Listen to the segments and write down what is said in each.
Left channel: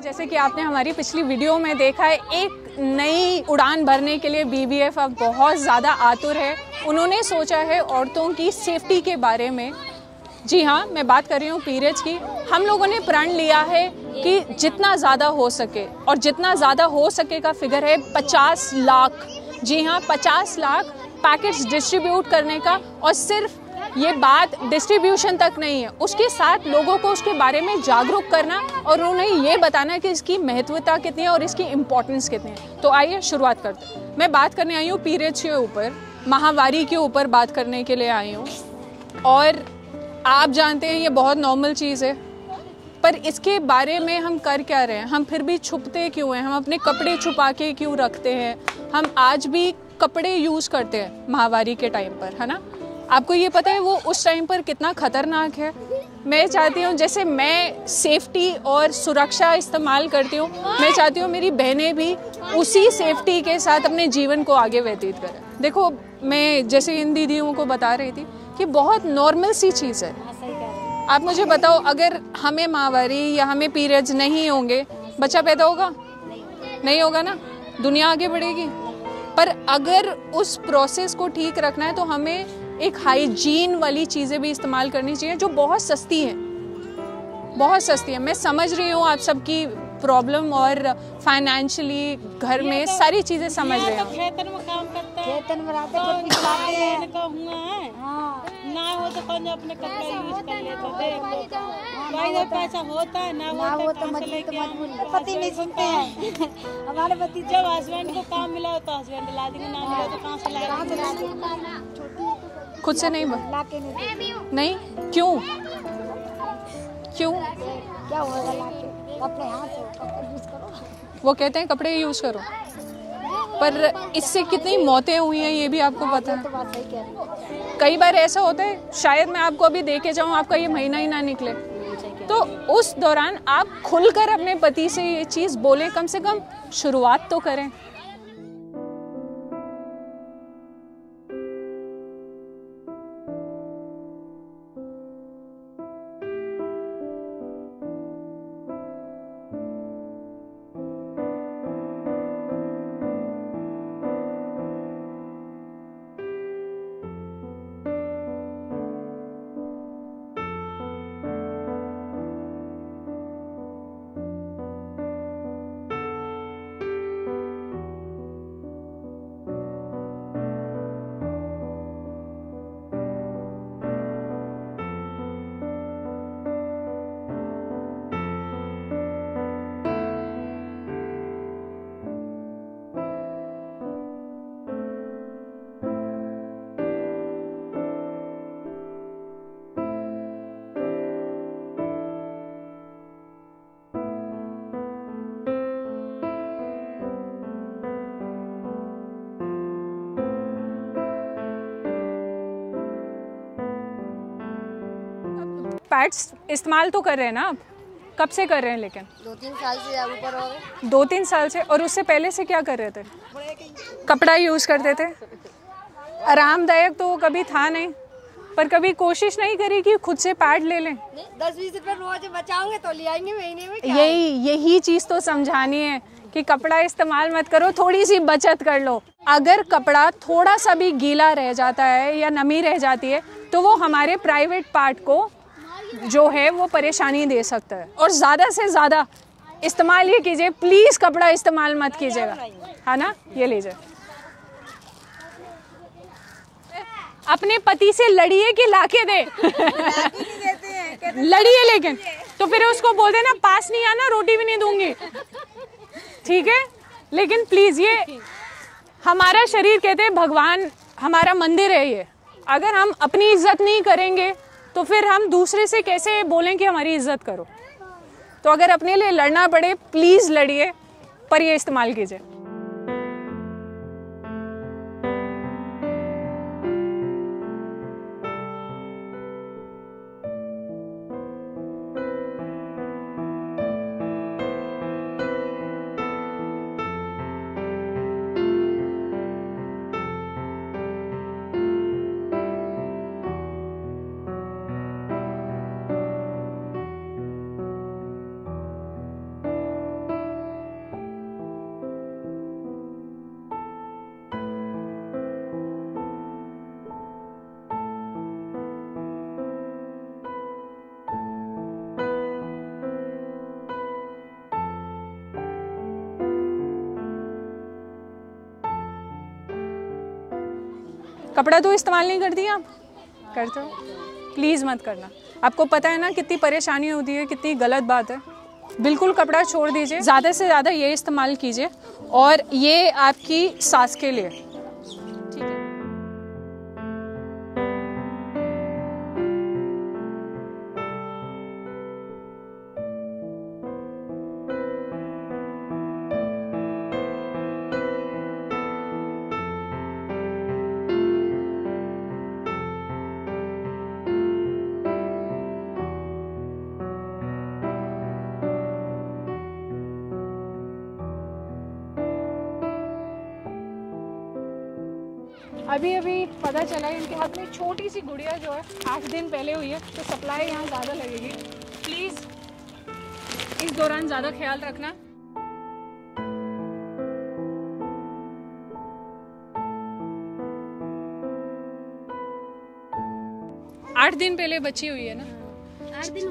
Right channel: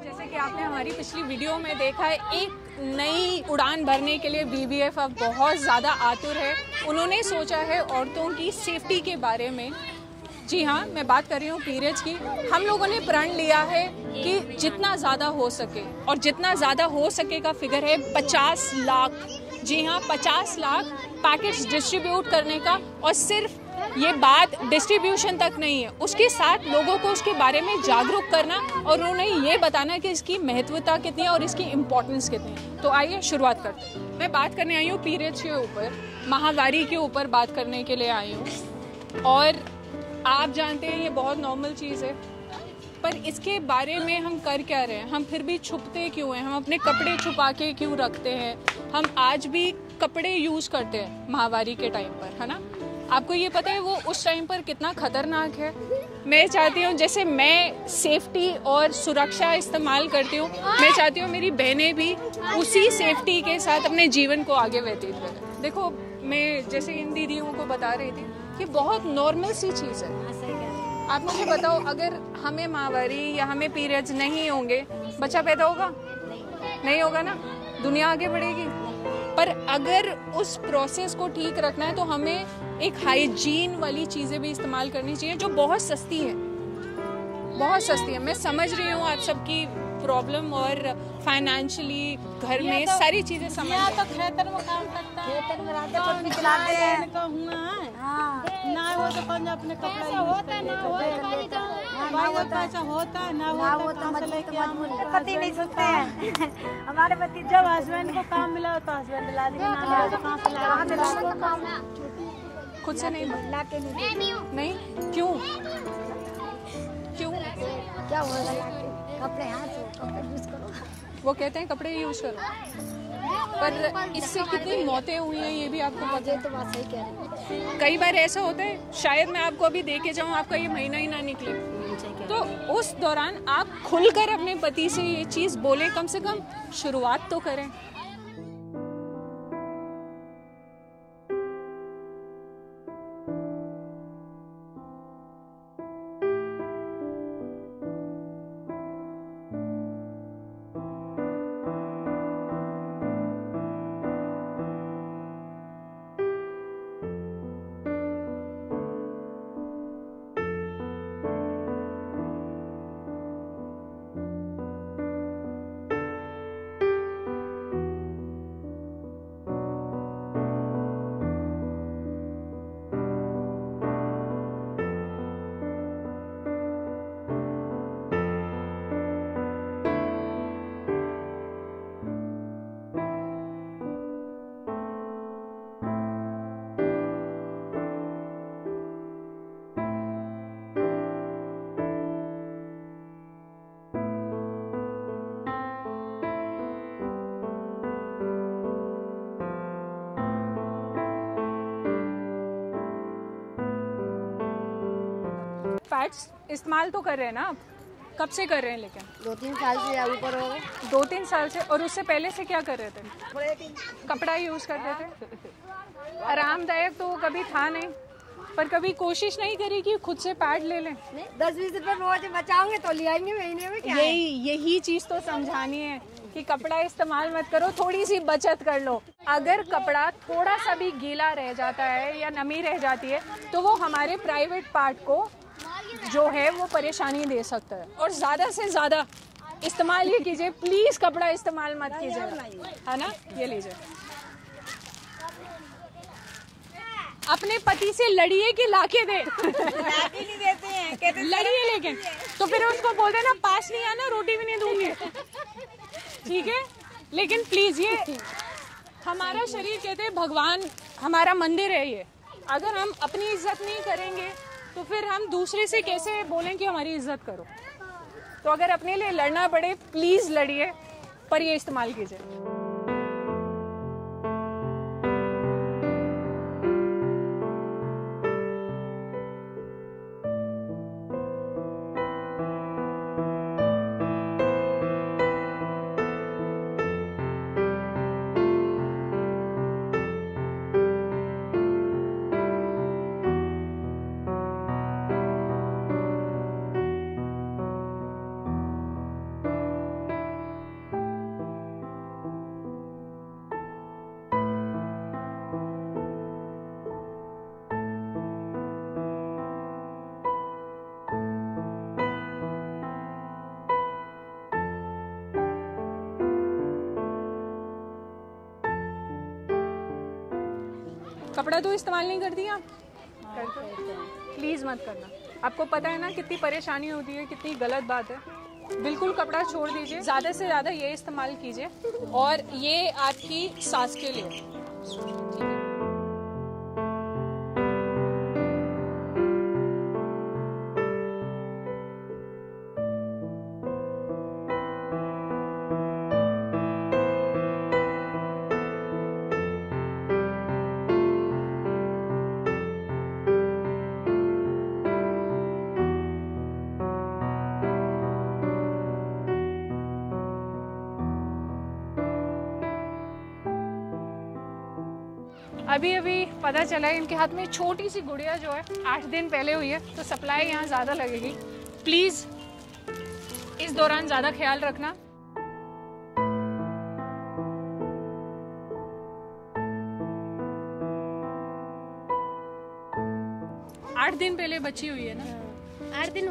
जैसे कि आपने हमारी पिछली वीडियो में देखा है, एक नई उड़ान भरने के लिए बीबीएफ अब बहुत ज़्यादा आतुर है। उन्होंने सोचा है औरतों की सेफ्टी के बारे में। जी हाँ, मैं बात कर रही हूँ पीरियड्स की। हम लोगों ने प्रण लिया है कि जितना ज़्यादा हो सके, और जितना ज़्यादा हो सके का फिगर है 50 लाख। जी हाँ, 50 लाख पैकेट्स डिस्ट्रीब्यूट करने का। और सिर्फ ये बात डिस्ट्रीब्यूशन तक नहीं है, उसके साथ लोगों को उसके बारे में जागरूक करना और उन्हें ये बताना कि इसकी महत्वता कितनी है और इसकी इम्पोर्टेंस कितनी है। तो आइए शुरुआत करते हैं। मैं बात करने आई हूँ पीरियड्स के ऊपर, माहवारी के ऊपर बात करने के लिए आई हूँ। और आप जानते हैं ये बहुत नॉर्मल चीज़ है, पर इसके बारे में हम कर क्या रहे हैं? हम फिर भी छुपते क्यों हैं? हम अपने कपड़े छुपा के क्यों रखते हैं? हम आज भी कपड़े यूज़ करते हैं माहवारी के टाइम पर, है ना? आपको ये पता है वो उस टाइम पर कितना खतरनाक है? मैं चाहती हूँ, जैसे मैं सेफ्टी और सुरक्षा इस्तेमाल करती हूँ, मैं चाहती हूँ मेरी बहनें भी उसी सेफ्टी के साथ अपने जीवन को आगे व्यतीत करें। देखो, मैं जैसे इन दीदियों को बता रही थी कि बहुत नॉर्मल सी चीज़ है। आप मुझे बताओ, अगर हमें माहवारी या हमें पीरियड्स नहीं होंगे, बच्चा पैदा होगा? नहीं होगा ना, दुनिया आगे बढ़ेगी। पर अगर उस प्रोसेस को ठीक रखना है तो हमें एक हाइजीन वाली चीज़ें भी इस्तेमाल करनी चाहिए जो बहुत सस्ती है, बहुत सस्ती है। मैं समझ रही हूँ आप सबकी प्रॉब्लम और फाइनेंशियली घर में सारी चीज़ें समझ रहे हैं। तो खेतन में काम करता है, खेतन में रहते हैं, खुद खिलाते हैं। ना वो दुकान अपने कपड़ा यूज कर लेते हैं, ना पैसा होता है, ना वो तो पति नहीं सुनते हैं। हमारे पति जब हस्बैंड को काम मिला तो हस्बैंड ला देंगे, ना मिला तो कहाँ से लाएगा? खुद से नहीं ला के नहीं, क्यों क्यों? क्या होगा? ला के कपड़े हाथ हो, कपड़े यूज करो। वो कहते हैं कपड़े यूज करो, पर इससे कितनी मौतें हुई हैं ये भी आपको पता है? तो बात सही कह रही है। कई बार ऐसा होता है, शायद मैं आपको अभी दे के जाऊँ, आपका ये महीना ही ना निकले, तो उस दौरान आप खुलकर अपने पति से ये चीज़ बोलें, कम से कम शुरुआत तो करें। पैड्स इस्तेमाल तो कर रहे हैं ना आप? कब से कर रहे हैं? लेकिन 2-3 साल से ऊपर हो गए। 2-3 साल से। और उससे पहले से क्या कर रहे थे? कपड़ा यूज करते थे। आरामदायक तो कभी था नहीं, पर कभी कोशिश नहीं करी कि खुद से पैड ले लें? 10-20 रुपए रोज बचाओगे तो ले आएंगे महीने में। क्या यही चीज तो समझानी है कि कपड़ा इस्तेमाल मत करो, थोड़ी सी बचत कर लो। अगर कपड़ा थोड़ा सा भी गीला रह जाता है या नमी रह जाती है तो वो हमारे प्राइवेट पार्ट को जो है वो परेशानी दे सकता है। और ज़्यादा से ज़्यादा इस्तेमाल ये कीजिए, प्लीज़ कपड़ा इस्तेमाल मत कीजिएगा, है ना? ये लीजिए, अपने पति से लड़िए कि लाके दे। लड़िए, लेकिन तो फिर उसको बोल देना पास नहीं आना, रोटी भी नहीं दूंगी, ठीक है? लेकिन प्लीज़, ये हमारा शरीर, कहते हैं भगवान हमारा मंदिर है ये। अगर हम अपनी इज्जत नहीं करेंगे तो फिर हम दूसरे से कैसे बोलें कि हमारी इज्जत करो? तो अगर अपने लिए लड़ना पड़े, प्लीज़ लड़िए, पर ये इस्तेमाल कीजिए। कपड़ा तो इस्तेमाल नहीं करती आप? करते हो? प्लीज़ मत करना। आपको पता है ना कितनी परेशानी होती है, कितनी गलत बात है। बिल्कुल कपड़ा छोड़ दीजिए, ज़्यादा से ज़्यादा ये इस्तेमाल कीजिए और ये आपकी सांस के लिए, ठीक है। अभी अभी पता चला है इनके हाथ में छोटी सी गुड़िया जो है 8 दिन पहले हुई है, तो सप्लाई यहाँ ज़्यादा लगेगी। प्लीज़ इस दौरान ज़्यादा ख्याल रखना। आठ दिन पहले बच्ची हुई है ना? 8 दिन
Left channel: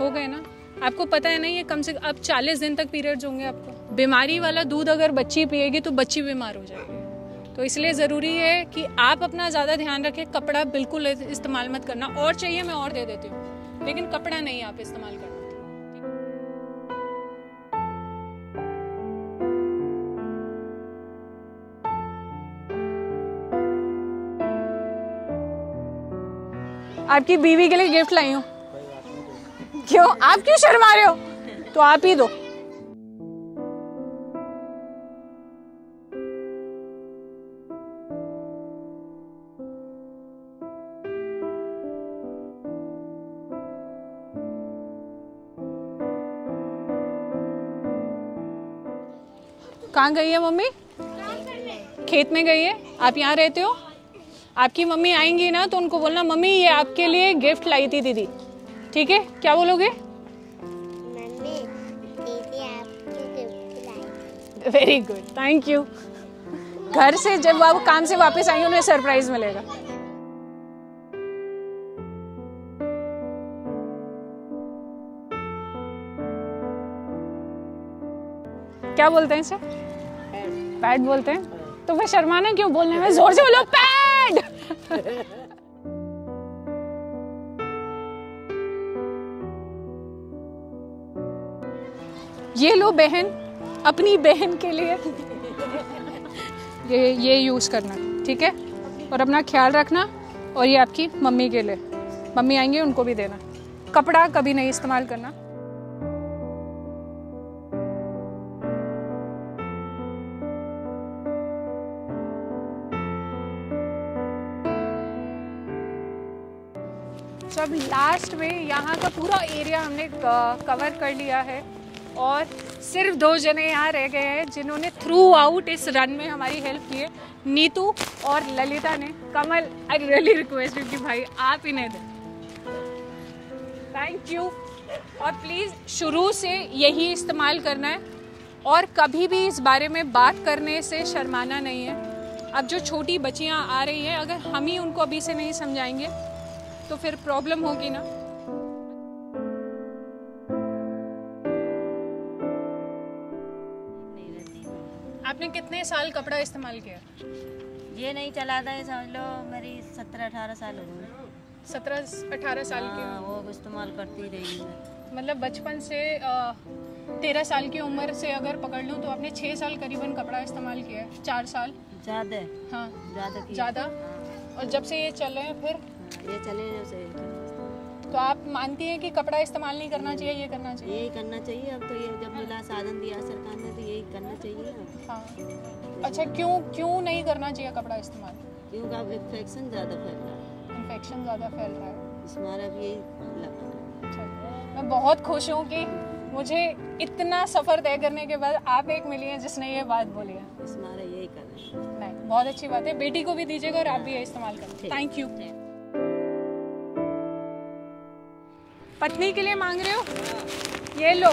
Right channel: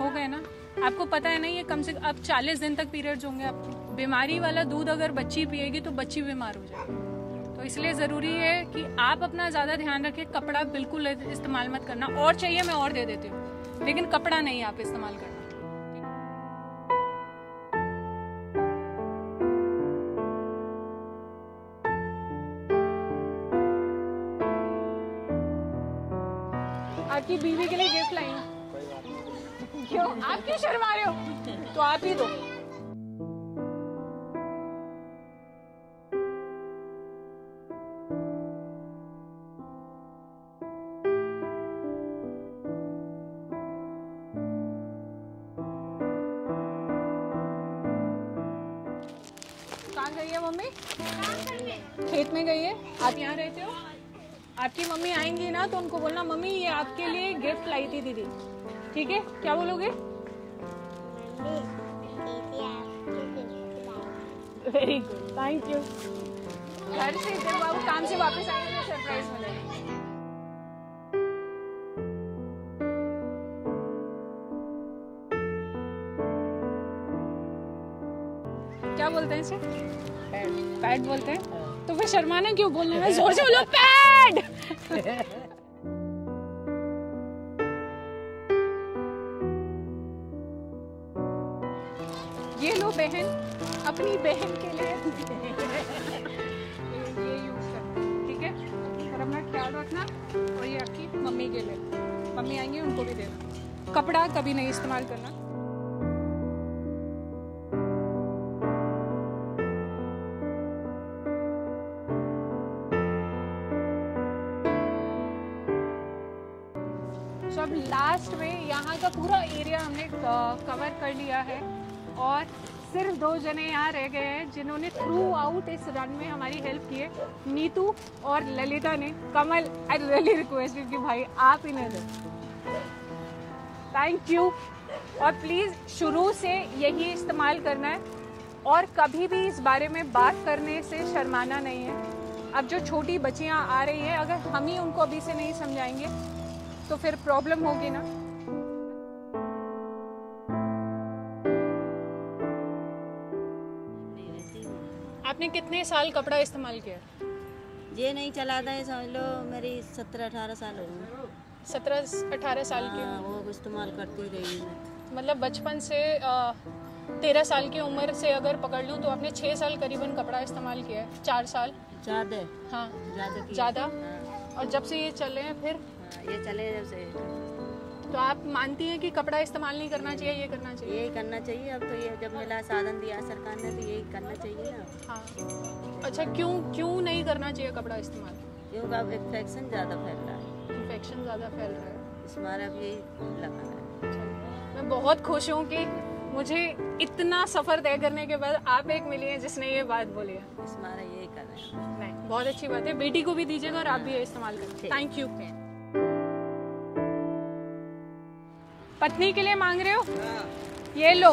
हो गए ना? आपको पता है ना ये कम से कम अब 40 दिन तक पीरियड्स होंगे आपको। बीमारी वाला दूध अगर बच्ची पिएगी तो बच्ची बीमार हो जाएगी। तो इसलिए ज़रूरी है कि आप अपना ज़्यादा ध्यान रखें। कपड़ा बिल्कुल इस्तेमाल मत करना। और चाहिए मैं और दे देती हूँ, लेकिन कपड़ा नहीं आप इस्तेमाल करना। आपकी बीवी के लिए गिफ्ट लाई हूँ। क्यों? आप क्यों शर्मा रहे हो? तो आप ही दो। कहाँ गई है मम्मी? खेत में गई है। आप यहाँ रहते हो? आपकी मम्मी आएंगी ना तो उनको बोलना मम्मी ये आपके लिए गिफ्ट लाई थी दीदी, ठीक है? क्या बोलोगे? Very good, thank you. घर से जब आप काम से वापस आएंगे उन्हें सरप्राइज मिलेगा। क्या बोलते हैं इसे? पैड बोलते हैं। तो फिर शर्माना क्यों? बोलने में जोर से बोलो पैड। ये लो बहन, अपनी बहन के लिए ये यूज करना, ठीक है? और अपना ख्याल रखना। और ये आपकी मम्मी के लिए, मम्मी आएंगे उनको भी देना। कपड़ा कभी नहीं इस्तेमाल करना। जब लास्ट में यहाँ का पूरा एरिया हमने कवर कर लिया है और सिर्फ 2 जने यहाँ रह गए हैं जिन्होंने थ्रू आउट इस रन में हमारी हेल्प की है, नीतू और ललिता ने। कमल, आई रियली रिक्वेस्ट यू कि भाई आप इन्हें दें। Thank you. और प्लीज़ शुरू से यही इस्तेमाल करना है और कभी भी इस बारे में बात करने से शर्माना नहीं है। अब जो छोटी बच्चियाँ आ रही हैं, अगर हम ही उनको अभी से नहीं समझाएंगे तो फिर प्रॉब्लम होगी ना। आपने कितने साल कपड़ा इस्तेमाल किया? ये नहीं चलाता है, समझ लो मेरी 17-18 साल हो गई। 17-18 साल की? वो इस्तेमाल करती रही मैं। मतलब बचपन से 13 साल की उम्र से अगर पकड़ लूँ तो आपने 6 साल करीबन कपड़ा इस्तेमाल किया है। 4 साल ज़्यादा? हाँ ज़्यादा। और जब से ये चल रहे हैं फिर ये चले से। तो आप मानती हैं कि कपड़ा इस्तेमाल नहीं करना चाहिए, ये करना चाहिए? यही करना चाहिए। अब तो ये जब मिला साधन दिया सरकार ने तो यही करना चाहिए अब। हाँ। अच्छा, क्यों नहीं करना चाहिए कपड़ा इस्तेमाल? क्योंकि अब इन्फेक्शन ज़्यादा फैल रहा है। इन्फेक्शन ज़्यादा फैल रहा है, इस बार अब यही लगा है। मैं बहुत खुश हूँ कि मुझे इतना सफ़र तय करने के बाद आप एक मिली हैं जिसने ये बात बोली है। इस बार यही कर रहे हैं। नहीं, बहुत अच्छी बात है। बेटी को भी दीजिएगा और आप भी ये इस्तेमाल करें। Thank you. पत्नी के लिए मांग रहे हो? ये लो।